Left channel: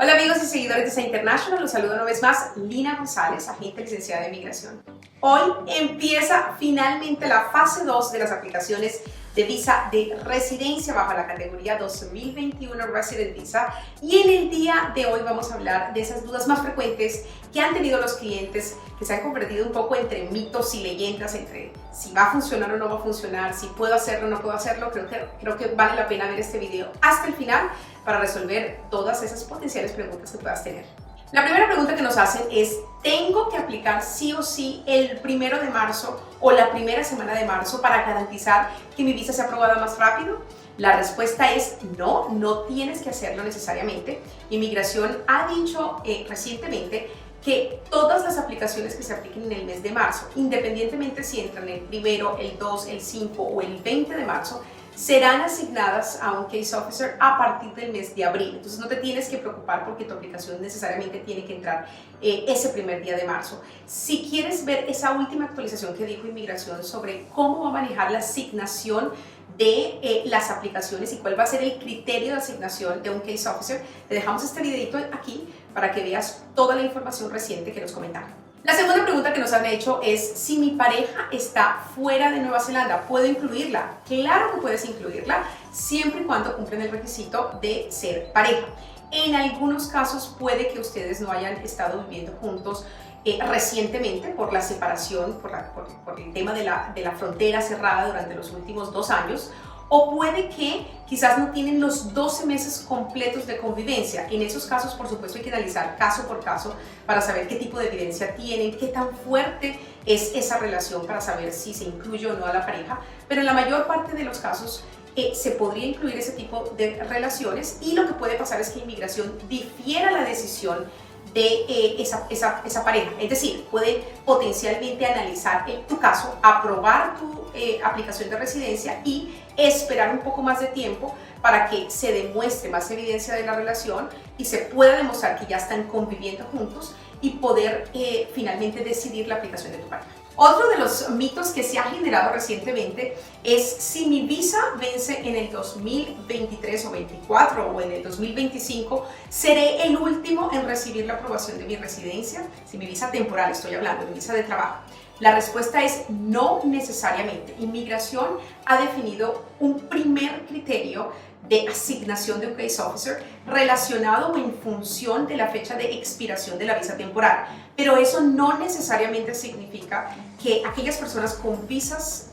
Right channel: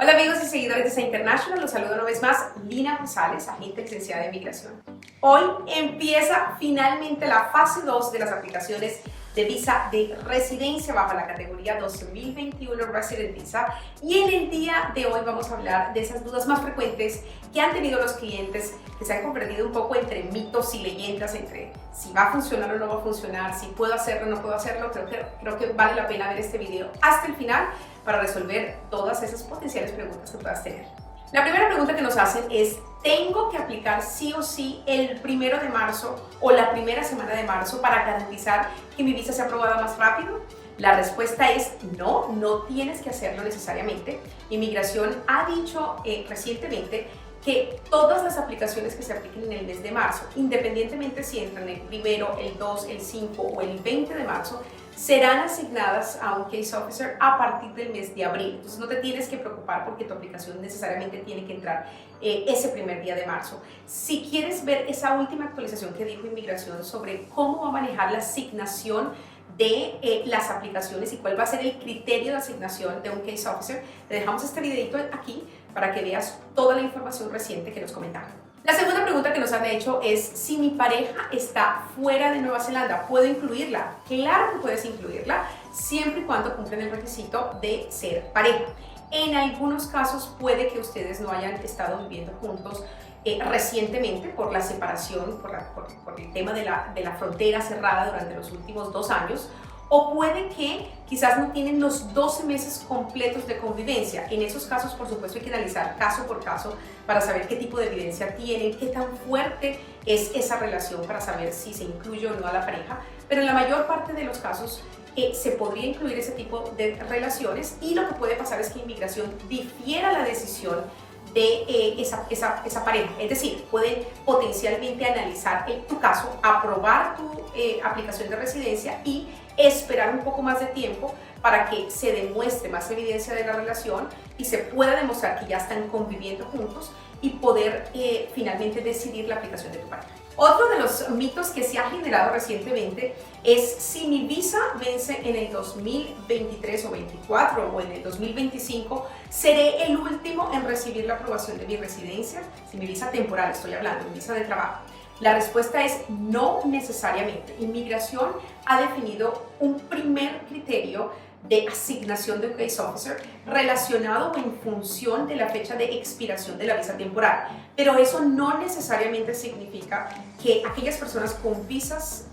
Hola amigos y seguidores de SEA International, los saludo una vez más, Lina González, agente licenciada de Migración. Hoy empieza finalmente la fase 2 de las aplicaciones de visa de residencia bajo la categoría 2021 Resident Visa, y en el día de hoy vamos a hablar de esas dudas más frecuentes que han tenido los clientes, que se han convertido un poco entre mitos y leyendas, entre si va a funcionar o no va a funcionar, si puedo hacerlo o no puedo hacerlo. Creo que vale la pena ver este video hasta el final para resolver todas esas potenciales preguntas que puedas tener. La primera pregunta que nos hacen es: ¿tengo que aplicar sí o sí el 1 de marzo o la primera semana de marzo para garantizar que mi visa sea aprobada más rápido? La respuesta es no, no tienes que hacerlo necesariamente. Inmigración ha dicho recientemente que todas las aplicaciones que se apliquen en el mes de marzo, independientemente si entran el 1, el 2, el 5 o el 20 de marzo, serán asignadas a un case officer a partir del mes de abril. Entonces no te tienes que preocupar porque tu aplicación necesariamente tiene que entrar ese primer día de marzo. Si quieres ver esa última actualización que dijo Inmigración sobre cómo va a manejar la asignación de las aplicaciones y cuál va a ser el criterio de asignación de un case officer, te dejamos este videito aquí para que veas toda la información reciente que nos comentaron. La segunda pregunta que nos han hecho es: si mi pareja está fuera de Nueva Zelanda, ¿puedo incluirla? Claro que puedes incluirla, siempre y cuando cumplen el requisito de ser pareja. En algunos casos puede que ustedes no hayan estado viviendo juntos recientemente por la separación, por el tema de la frontera cerrada durante los últimos 2 años, o puede que quizás no tienen los 12 meses completos de convivencia. En esos casos, por supuesto, hay que analizar caso por caso para saber qué tipo de evidencia tienen, qué tan fuerte es esa relación para saber si se incluye o no a la pareja. Pero en la mayor parte de los casos se podría incluir ese tipo de relaciones, y lo que puede pasar es que Inmigración difiera la decisión de esa pareja. Es decir, puede potencialmente analizar tu caso, aprobar tu aplicación de residencia y esperar un poco más de tiempo para que se demuestre más evidencia de la relación y se pueda demostrar que ya están conviviendo juntos y poder finalmente decidir la aplicación de tu pareja. Otro de los mitos que se ha generado recientemente es: si mi visa vence en el 2023 o 24 o en el 2025, ¿seré el último en recibir la aprobación de mi residencia? Si mi visa temporal, estoy hablando, mi visa de trabajo. La respuesta es no necesariamente. Inmigración ha definido un primer criterio de asignación de un case officer relacionado en función de la fecha de expiración de la visa temporal, pero eso no necesariamente significa que aquellas personas con visas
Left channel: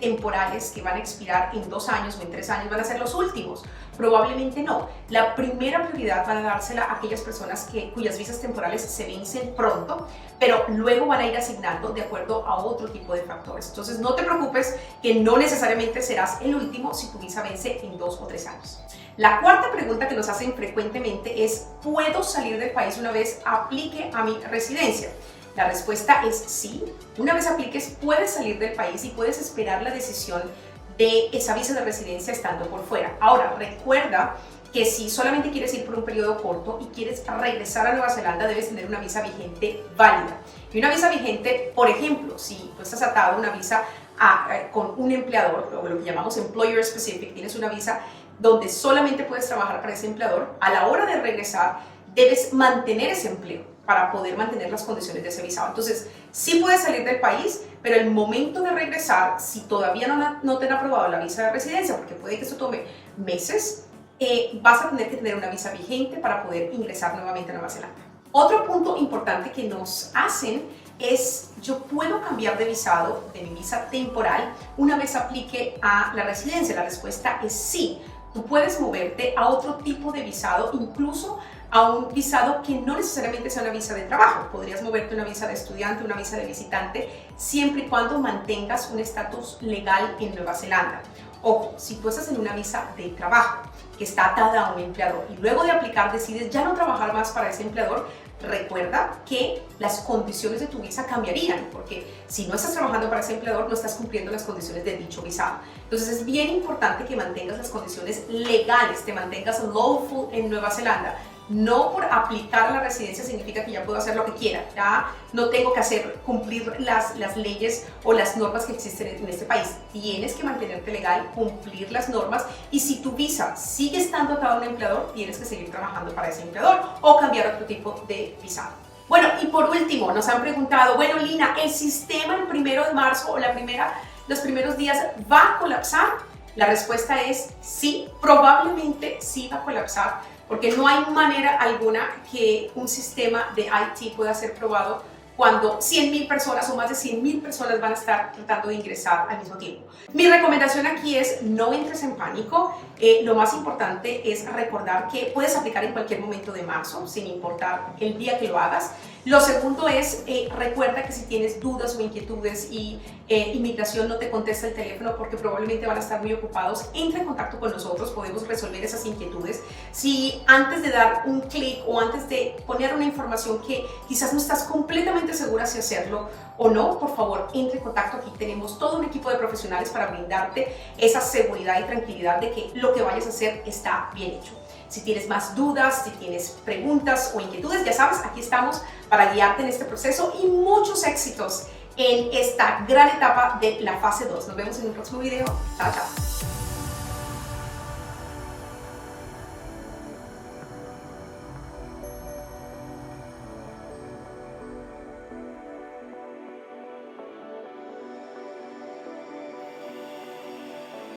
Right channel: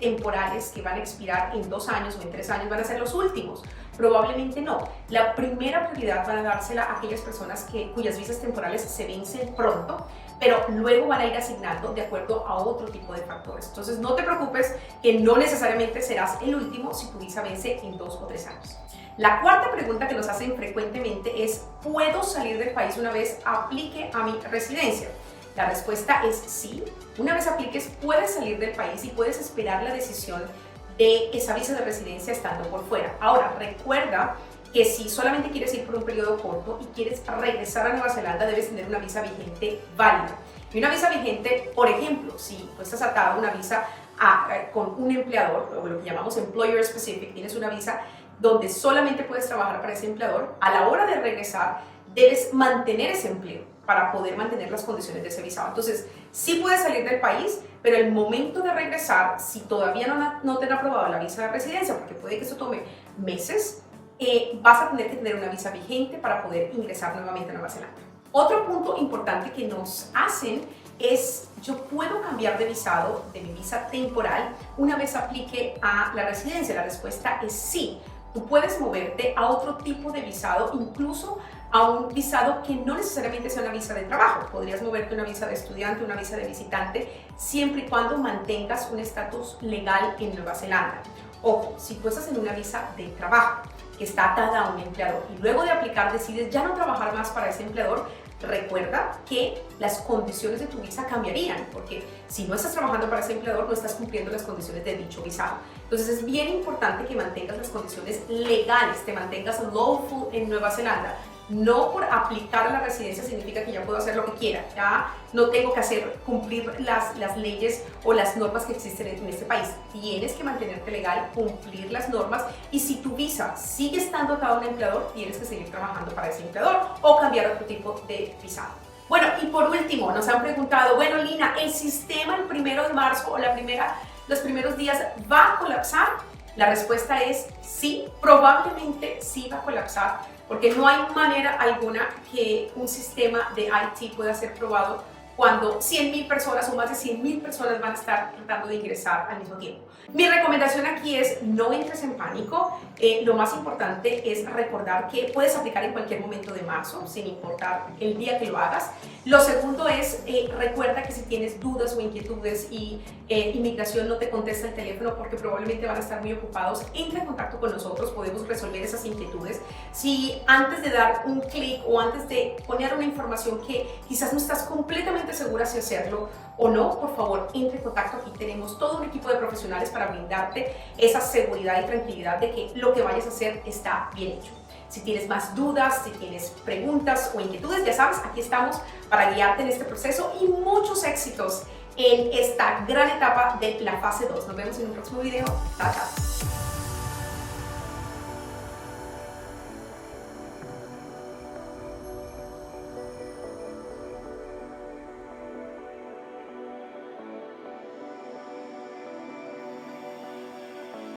temporales que van a expirar en 2 años o en 3 años van a ser los últimos. Probablemente no. La primera prioridad van a dársela a aquellas personas cuyas visas temporales se vencen pronto, pero luego van a ir asignando de acuerdo a otro tipo de factores. Entonces no te preocupes, que no necesariamente serás el último si tu visa vence en 2 o 3 años. La cuarta pregunta que nos hacen frecuentemente es: ¿puedo salir del país una vez aplique a mi residencia? La respuesta es sí. Una vez apliques, puedes salir del país y puedes esperar la decisión de esa visa de residencia estando por fuera. Ahora, recuerda que si solamente quieres ir por un periodo corto y quieres regresar a Nueva Zelanda, debes tener una visa vigente válida. Y una visa vigente, por ejemplo, si tú estás atado a una visa con un empleador, o lo que llamamos employer specific, tienes una visa donde solamente puedes trabajar para ese empleador, a la hora de regresar debes mantener ese empleo para poder mantener las condiciones de ese visado. Entonces, sí puedes salir del país, pero el momento de regresar, si todavía no te han aprobado la visa de residencia, porque puede que eso tome meses, vas a tener que tener una visa vigente para poder ingresar nuevamente a Nueva Zelanda. Otro punto importante que nos hacen es: ¿yo puedo cambiar de visado, de mi visa temporal, una vez aplique a la residencia? La respuesta es sí. Tú puedes moverte a otro tipo de visado, incluso a un visado que no necesariamente sea una visa de trabajo. Podrías moverte a una visa de estudiante, una visa de visitante, siempre y cuando mantengas un estatus legal en Nueva Zelanda. Ojo, si tú estás en una visa de trabajo que está atada a un empleador y luego de aplicar decides ya no trabajar más para ese empleador, recuerda que las condiciones de tu visa cambiarían, porque si no estás trabajando para ese empleador, no estás cumpliendo las condiciones de dicho visado. Entonces es bien importante que mantengas las condiciones legales, te mantengas lawful en Nueva Zelanda, No por aplicar la residencia significa que ya puedo hacer lo que quiera, ya no tengo que cumplir las leyes o las normas que existen en este país. Tienes que mantenerte legal, cumplir las normas, y si tu visa sigue estando atado a un empleador, tienes que seguir trabajando para ese empleador o cambiar otro tipo de visado. Bueno, y por último, nos han preguntado, bueno, Lina, ¿el sistema el 1 de marzo o los primeros días va a colapsar? La respuesta es sí, probablemente sí va a colapsar, porque no hay manera alguna que un sistema de IT pueda ser probado cuando 100.000 personas o más de 100.000 personas van a estar tratando de ingresar al mismo tiempo. Mi recomendación aquí es no entres en pánico. Lo más importante es recordar que puedes aplicar en cualquier momento de marzo, sin importar el día que lo hagas. Lo segundo es, recuerda que si tienes dudas o inquietudes y inmigración no te contesta el teléfono porque probablemente van a estar muy ocupados, entra en contacto con nosotros, podemos resolver esas inquietudes. Si antes de dar un clic o antes de poner una información que quizás no estás completamente segura si hacerlo o no, por favor, entre en contacto. Aquí tenemos todo un equipo de profesionales para brindarte esa seguridad y tranquilidad de que lo que vayas a hacer está bien hecho. Si tienes más dudas, si tienes preguntas o inquietudes, ya sabes, aquí estamos para guiarte en este proceso, y muchos éxitos en esta gran etapa de la fase 2. Nos vemos en un próximo video. Chao, chao.